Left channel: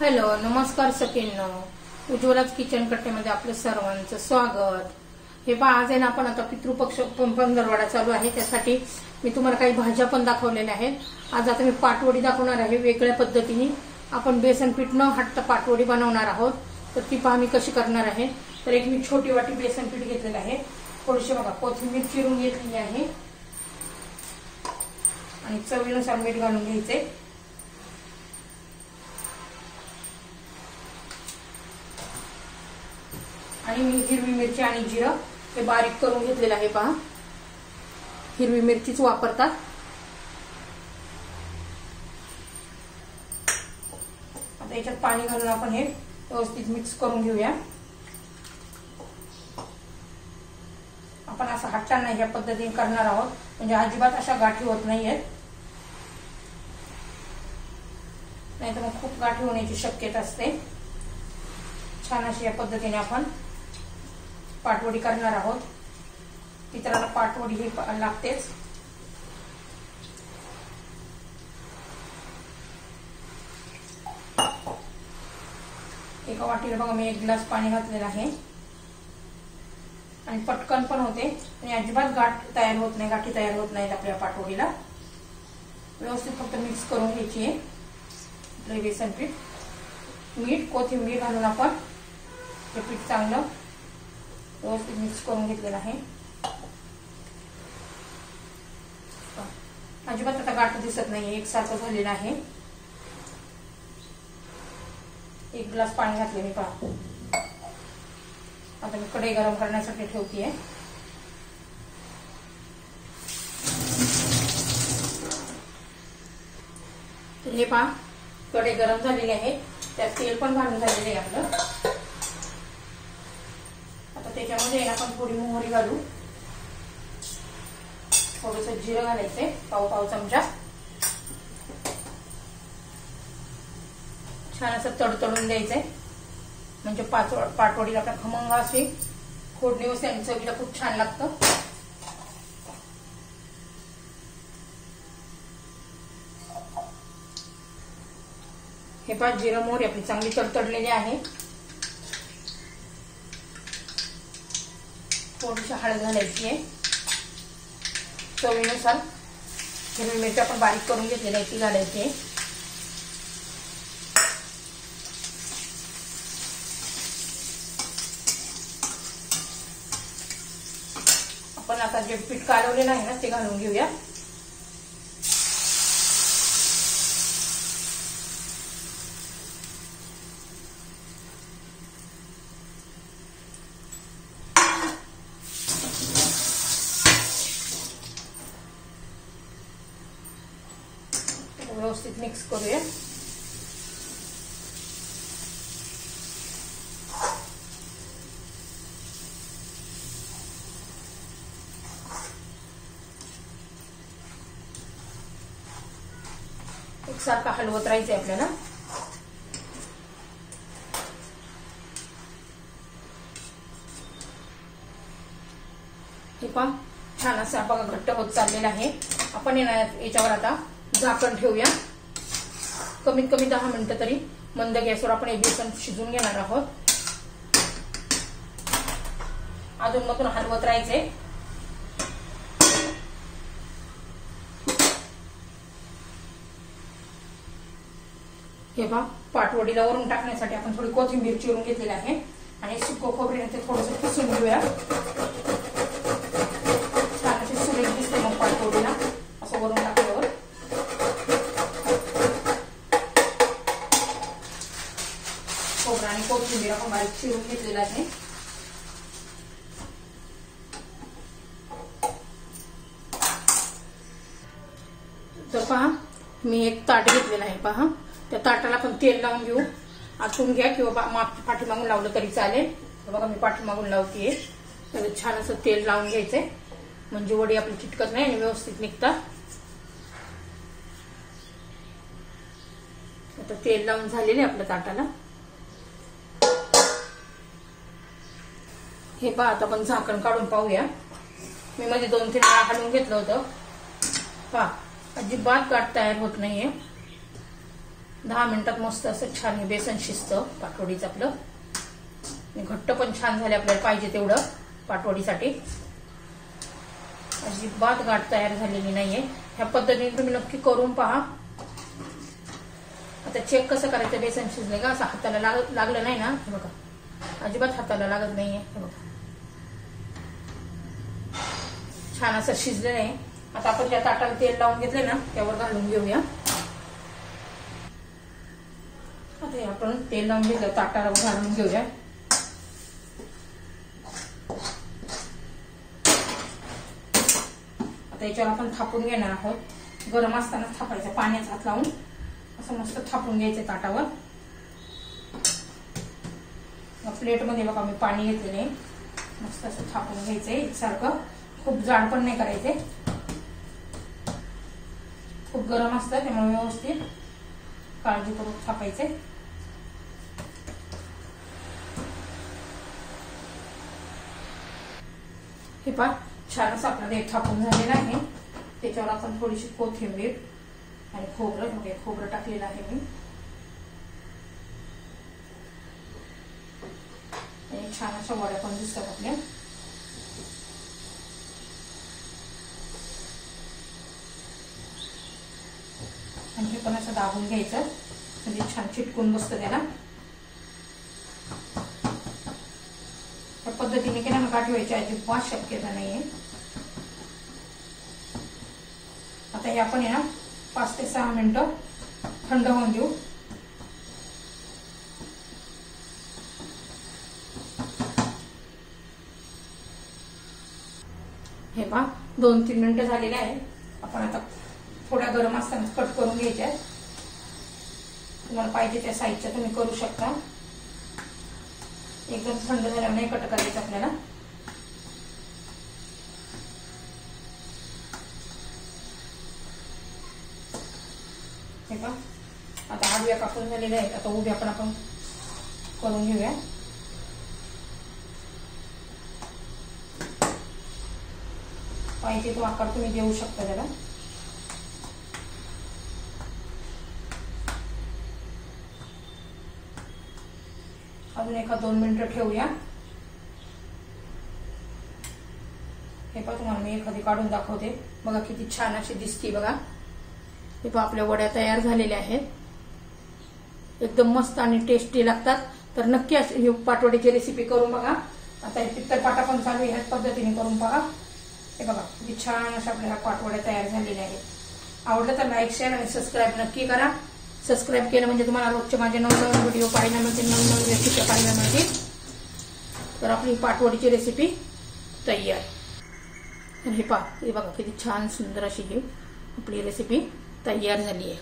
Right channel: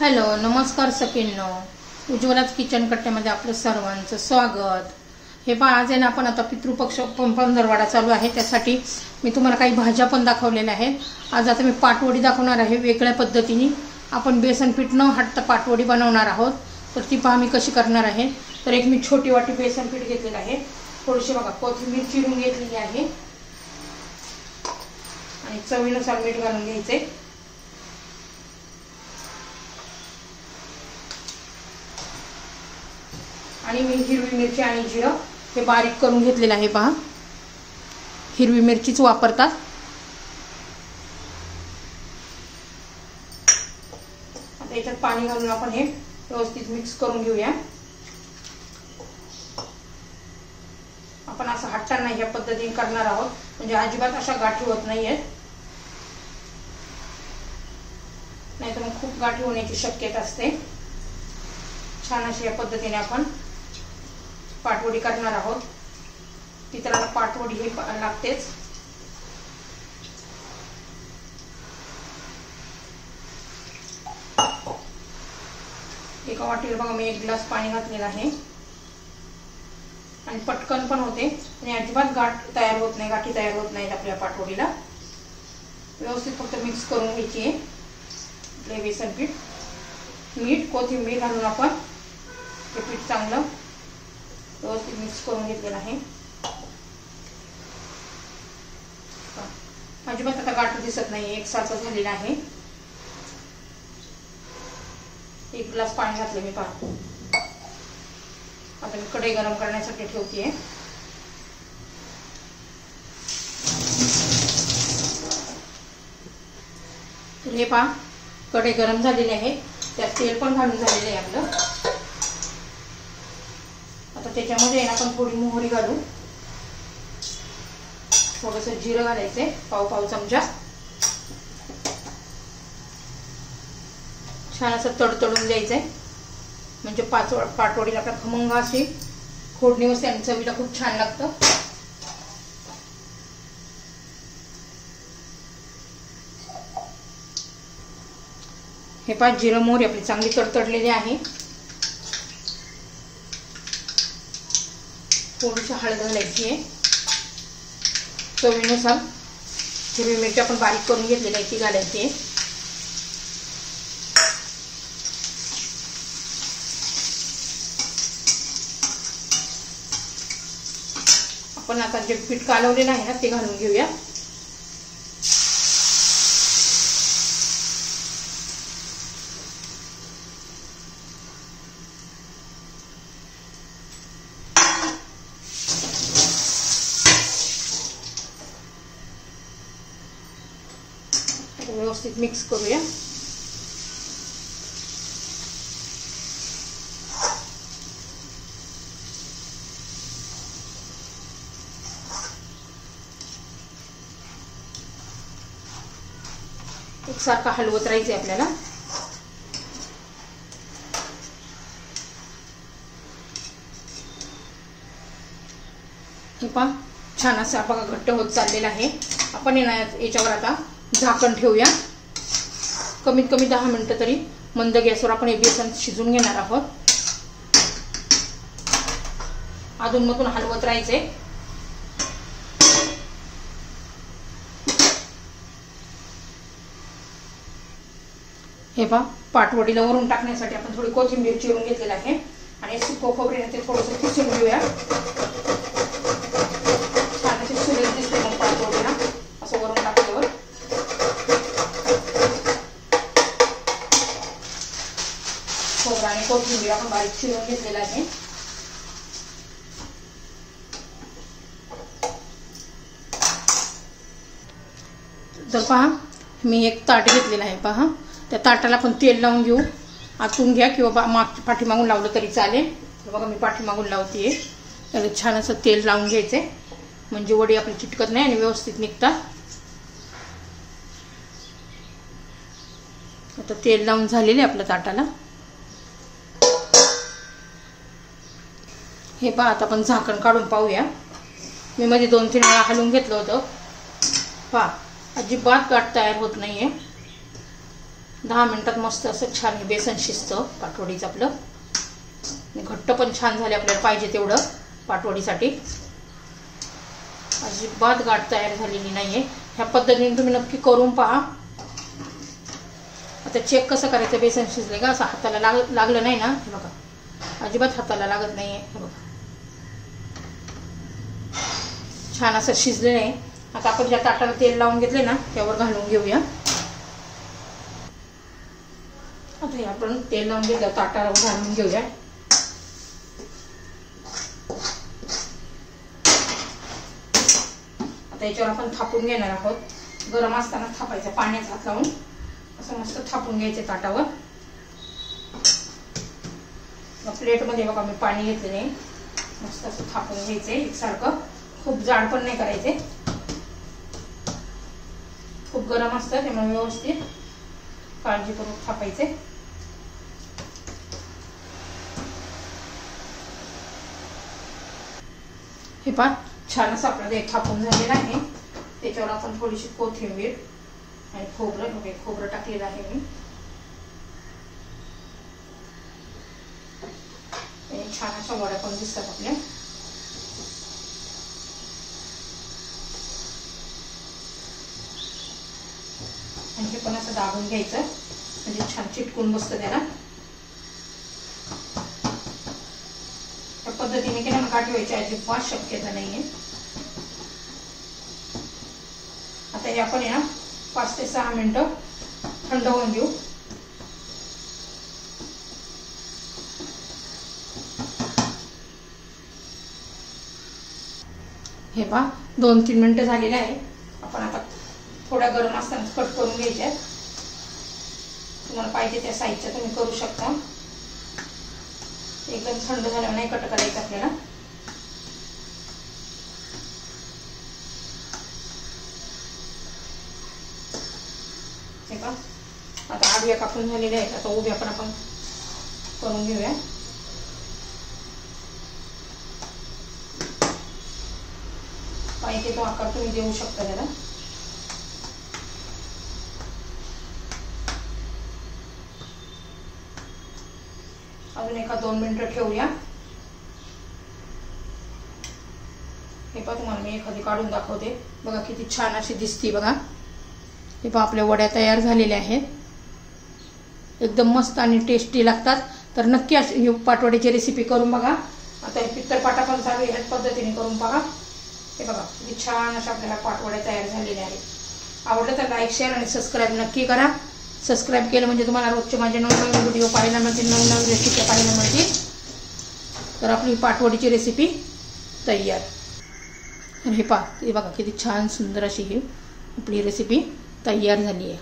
Hello नमस्कार सखींनो, उज्ज्वलाच kitchen कट्ट्यामध्ये आपलं सर्वांचं स्वागत। हे पहा, आज आहे ना आपण आता पितृपक्ष पंधरवडा चालू आहे, त्यासाठी मी तुम्हाला काही भाज्या पण दाखवलेल्या आहेत। आज आता मी पाटवडी दाखवणार आहे वेगळ्या पद्धतीने। आपण बेसन पीठ न हटता पाटवडी बनवणार आहोत, तर ती पहा मी कशी करणार आहे। तर एक मी छोटी वाटी बेसन पीठ घेतलेलं आहे, थोडीशी बघा कोथिंबीर चिरून घेतलेली आहे आणि चवीनुसार मीठ घालून घ्यायचे। आणि मी हिरवी मिरची आणि जिरं हे बारीक करून घेतलेलं आहे। पहा, हिरवी मिरचीच वापरतात। आता याच्यात पाणी घालून आपण हे व्यवस्थित मिक्स करून घेऊया। आपण असं हटताना या पद्धतीने करणार आहोत, म्हणजे अजिबात अशा गाठी होत नाहीयेत, नाहीतर मग खूप गाठी होण्याची शक्यता असते। छान अशी या पद्धतीने आपण पाटवडी करणार आहोत। पितराला पाटवडी हे लागतेच। एका वाटीला बघा मी 1 ग्लास पाणी घातलेलं आहे आणि पटकन पण होते आणि अजिबात गाठ तयार होत नाही, गाठी तयार होत नाहीत आपल्या पाटवडीला। व्यवस्थित फक्त मिक्स करून घ्यायची आहे आपले बेसन पीठ। मीठ कोथिंबीर घालून आपण हे पीठ चांगलं व्यवस्थित मिक्स करून घेतलेलं आहे। अजिबात आता गाठ दिसत नाही, एकसारखं झालेलं आहे। 1 ग्लास पाणी घातले मी। पहा, आता मी कढई गरम करण्यासाठी ठेवतेय। तर हे पहा, कढई गरम झालेली आहे, त्यात तेल पण घालून झालेलं आहे आपलं। आता त्याच्यामध्ये आपण थोडी मोहरी घालू, थोडंसं जिरं घालायचे, पाव चमचा। छान असं तडतडून द्यायचंय, म्हणजे पाटवडीला आपला खमंग अशी फोडणी वरती आणि चवीला खूप छान लागतं। हे पहा, जिरं मोहरी आपली चांगली तडतडलेली आहे। थोडीशी हळद घालायची आहे चवीनुसार। हिरवी मिरची आपण बारीक करून घेतलेली आहे ती घालायची आहे। आपण आता जे पीठ कालवलेलं आहे ना ते घालून घेऊया। व्यवस्थित मिक्स करूया। एकसारखं हलवत राहायचंय आपल्याला। हे पहा, छान असं बघा घट्ट होत चाललेलं आहे। आपण याच्यावर आता झाकण ठेवूया, कमीत कमी 10 मिनिटं तरी मंद गॅसवर आपण हे बेसन शिजून घेणार आहोत। अधून मधून हलवत राहायचे। हे पहा, पाटवडीला वरून टाकण्यासाठी आपण थोडी कोथिंबीर चिरून घेतलेली आहे आणि सुकं खोबरे ते थोडंसं किसून घेऊया। छान अशी सुरेख दिसते मग पाटवडीला असं वरून टाकल्यावर। खोबरं आणि कोथिंबीर आपण बारीक चिरून घेतलेलं आहे। तर पहा, मी एक ताट घेतलेलं आहे। पहा, त्या ताटाला आपण तेल लावून घेऊ। आतून घ्या किंवा पाठीमागून लावलं तरी चालेल। बघा मी पाठीमागून लावतेय। त्याला छान असं तेल लावून घ्यायचे, म्हणजे वडी आपली चिटकत नाही आणि व्यवस्थित निघतात। आता तेल लावून झालेले आपल्या ताटाला। हे पहा, आता आपण झाकण काढून पाहूया। मी मध्ये 2-3 वेळा हलवून घेतलं होतं। पहा, अजिबात गाठ तयार होत नाहीये। 10 मिनिटात मस्त असं छान हे बेसन शिजतं पाटवडीचं आपलं. घट्ट पण छान झाले आपल्याला पाहिजे तेवढं पाटवडीसाठी. अजिबात गाठ तयार झालेली नाहीये. ह्या पद्धतीने तुम्ही नक्की करून पहा. आता चेक कसं करायचं बेसन शिजले का असं हाताला लागलं नाही ना, बघा अजिबात हाताला लागत नाहीये. बघा छान असं शिजले नाही. आता आपण ज्या ताटाला तेल लावून घेतले ना त्यावर घालून घेऊया. आता हे आपण तेल लावून घेतलं ताटाला घालून घेऊया. आता याच्यावर आपण थापून घेणार आहोत. गरम असताना थापायचं, पाण्यात हात लावून असं मस्त थापून घ्यायचे ताटावर. प्लेटमध्ये बघा मी पाणी घेतलेले, मस्त असं थापून घ्यायचंय एकसारखं. खूप जाड पण नाही करायचे, खूप गरम असतं त्यामुळे व्यवस्थित काळजीपूर्वक थापायचे. हे पहा छान असं आपलं ते थापून झालेलं आहे. त्याच्यावर आपण थोडीशी कोथिंबीर आणि खोबरं टाकलेलं आहे मी. छान अशा वड्या पण दिसतात आपल्या. आणि हे पण असं दाबून घ्यायचं म्हणजे छान चिटकून बसतं त्याला. त्या पद्धतीने केलं ना गाठ व्हायची अजिबात शक्यता नाहीये. आता हे आपण या 5 ते 6 मिनिटं थंड होऊन देऊ. हे पहा 2-3 मिनिटं झालेले आहे. आपण आता थोड्या गरम असताना कट करून घ्यायच्या. तुम्हाला पाहिजे त्या साईजच्या तुम्ही करू शकता. एकदम थंड झाल्यावर नाही कट करायचं आपल्याला. हे पहा आता आडव्या कापून झालेल्या आहेत. आता उभ्या पण आपण करून घेऊया. पाहिजे तो आकार तुम्ही देऊ शकता त्याला. अजून 1-2 मिनिटं ठेवूया. हे पहा तुम्हाला मी एखादी काढून दाखवते. बघा किती छान अशी दिसते बघा. हे पहा आपल्या वड्या तयार झालेल्या आहेत. एकदम मस्त आणि टेस्टी लागतात. तर नक्की अशी पाटवडीची रेसिपी करून बघा. आता हे पित्तळ पाटा पण चालू आहे, ह्याच पद्धतीने करून बघा. हे बघा किती छान अशा आपल्याला पाटवड्या तयार झालेल्या आहेत. आवडलं तर लाईक, शेअर आणि सबस्क्राईब नक्की करा. सबस्क्राईब केलं म्हणजे तुम्हाला रोजचे माझे नवीन व्हिडिओ पाहायला मिळतील, नवीन रेसिपी पाहायला मिळतील. तर आपली पाटवडीची रेसिपी तयार. हे पहा, हे बघा किती छान सुंदर अशी ही आपली रेसिपी तयार झाली आहे.